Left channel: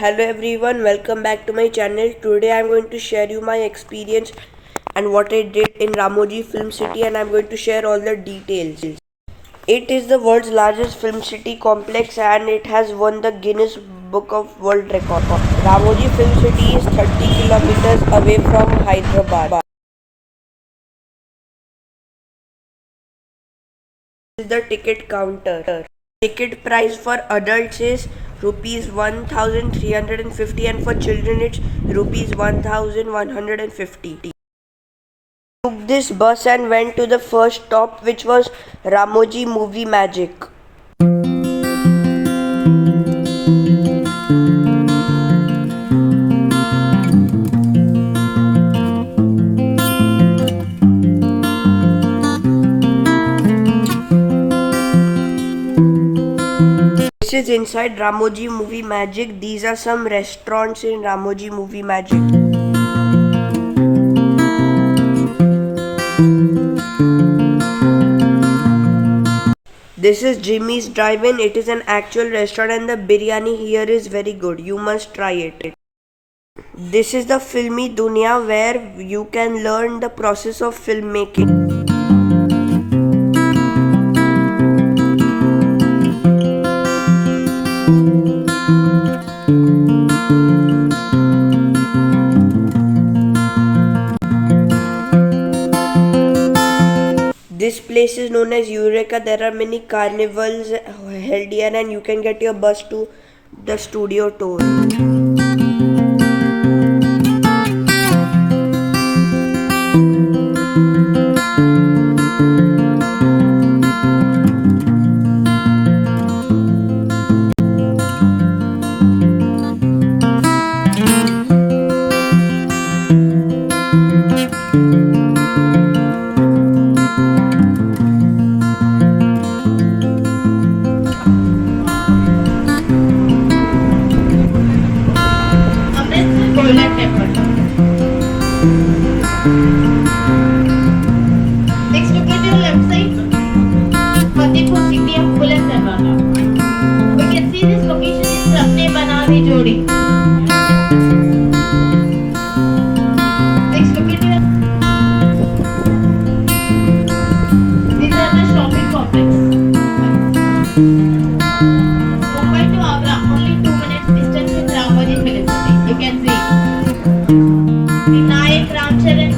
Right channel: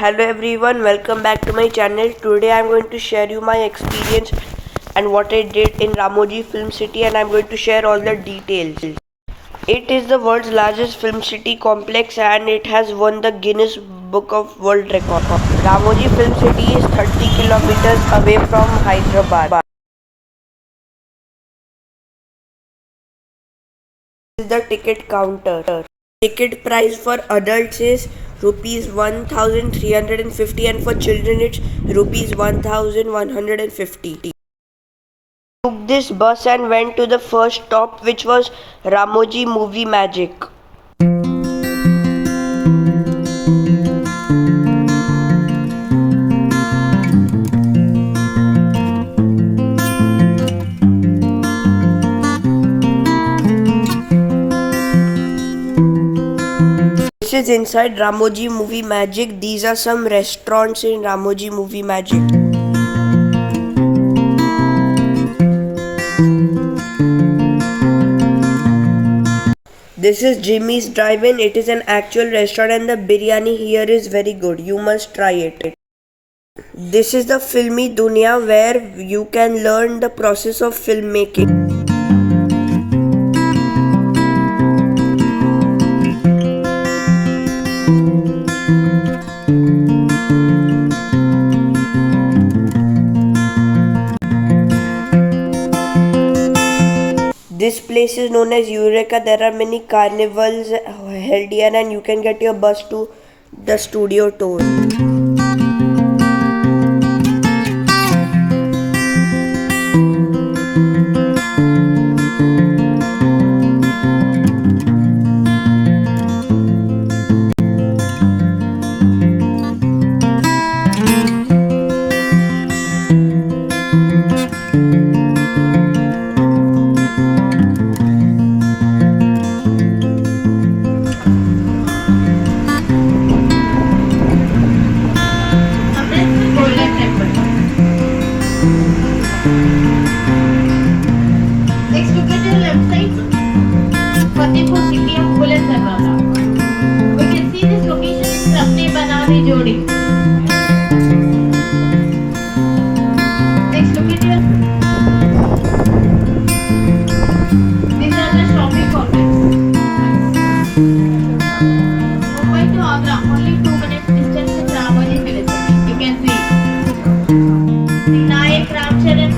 Hello everyone, welcome back to my channel. Today I am going to share you my experience and what I did in Ramoji Film City, and I am going to share all the details. It is the world's largest film city complex and it has won the Guinness Book of World Record. Ramoji Film City is 30 kilometers away from Hyderabad. This is the ticket counter. Ticket price for adults is rupees 1350 and for children it's rupees 1150. Took this bus and went to the first stop, which was Ramoji Movie Magic. This is inside Ramoji Movie Magic. These are some restaurants in Ramoji Movie Magic. This is Jimmy's Drive-In. It is an actual restaurant and the biryani here is very good. You must try it. This is the Filmi Dunya, where you can learn the process of filmmaking. This place is known as Eureka. There are many carnivals held here and you can get your bus to the studio tour. Golden Temple. Next, look at your left side. Fatehpur city of Bullet Darwaza. We can see this location is Sapne Banadi Jodi. Next, look at your. These are the shopping complex. Mumbai to Agra, only 2 minutes distance in Ramoji Film City. You can see Nayak Ramcharan,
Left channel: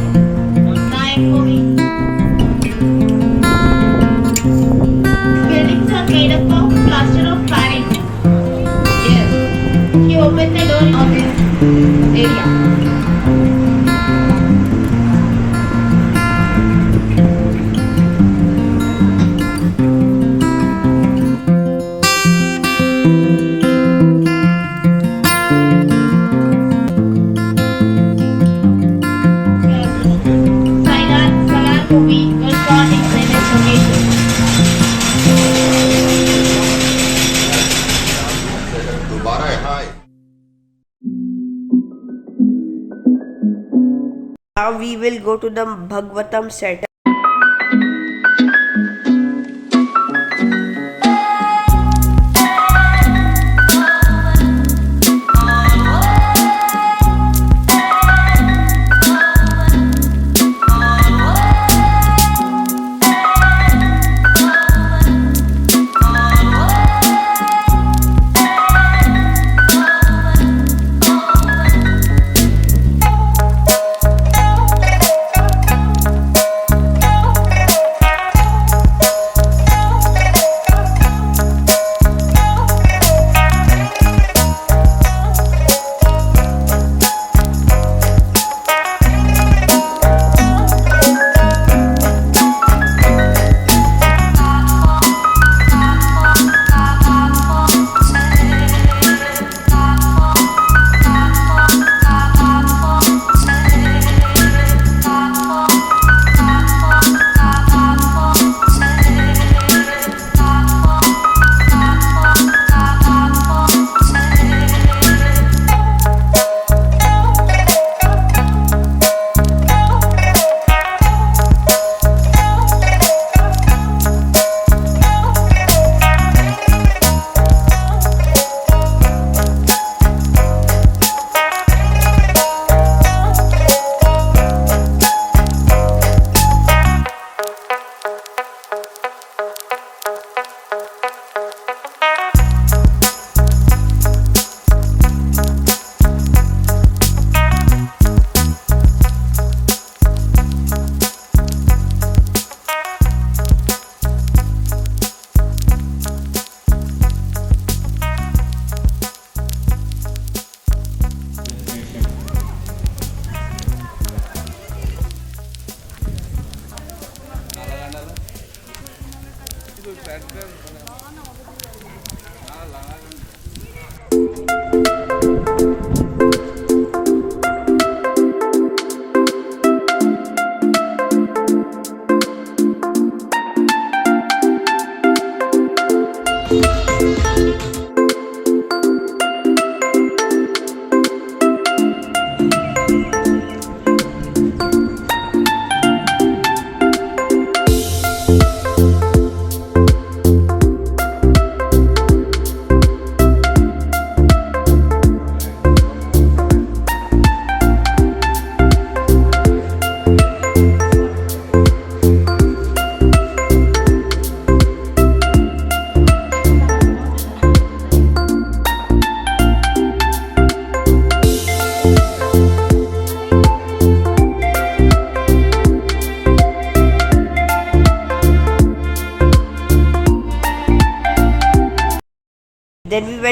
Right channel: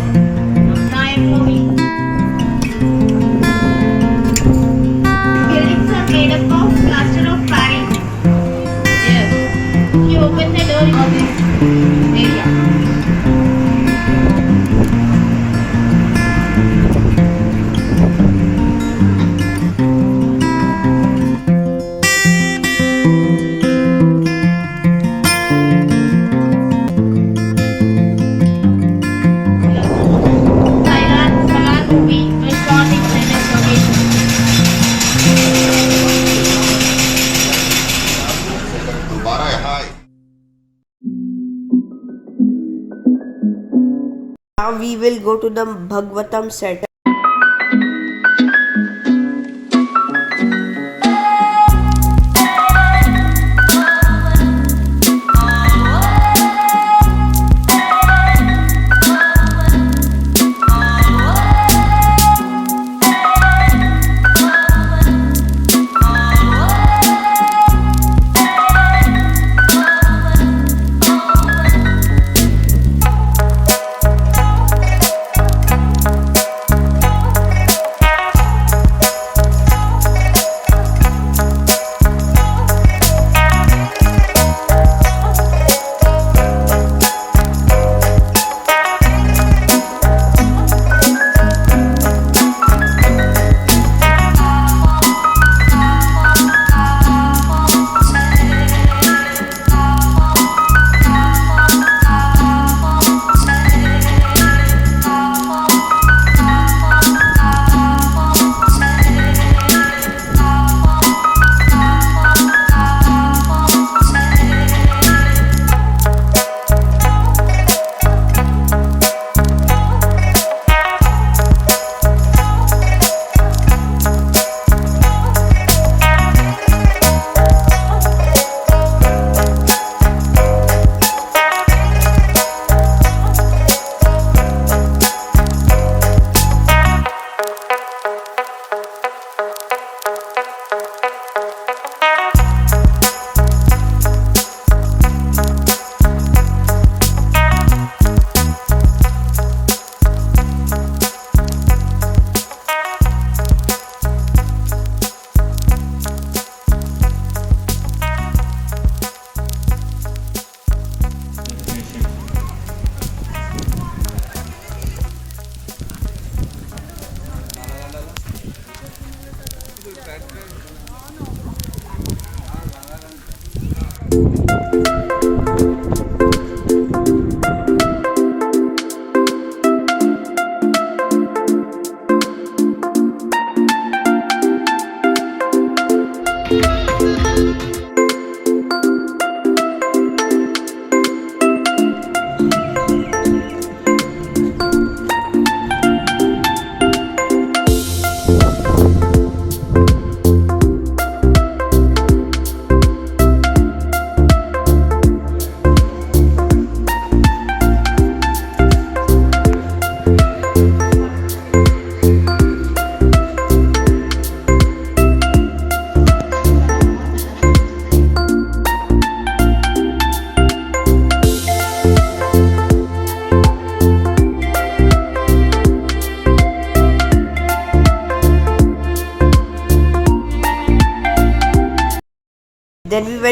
Nayak movie. Buildings are made up of plaster of Paris. Yes. If you open the door of this area. Movie was shot in this location. Now we will go to the Bhagavatam set.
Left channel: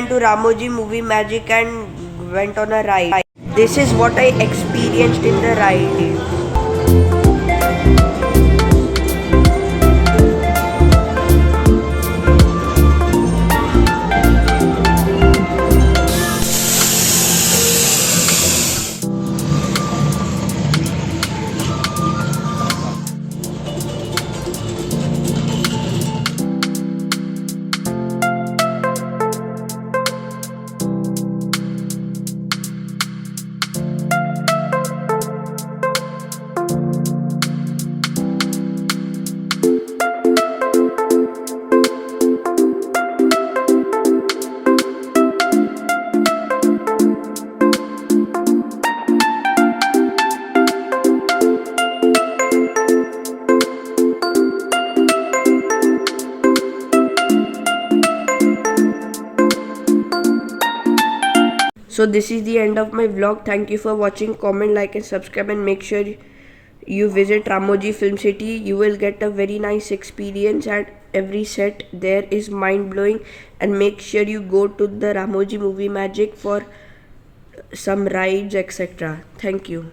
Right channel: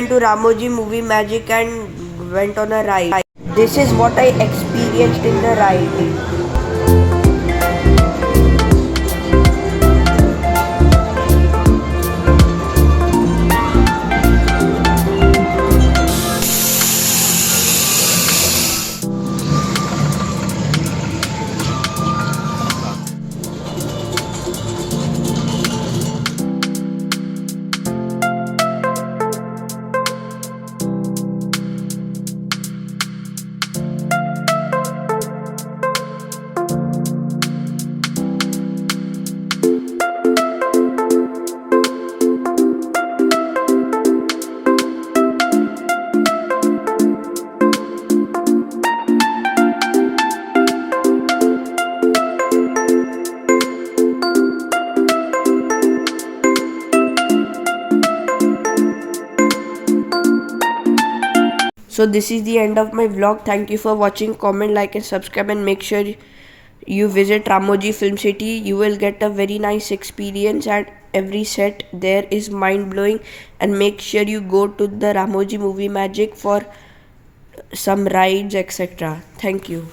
went to Ramoji Movie Magic and went on a ride. This is what I experienced in the ride. So this is the end of my vlog. Thank you for watching. Comment, like and subscribe, and make sure you visit Ramoji Film City. You will get a very nice experience, and every set there is mind-blowing. And make sure you go to the Ramoji Movie Magic for some rides, etc. Thank you.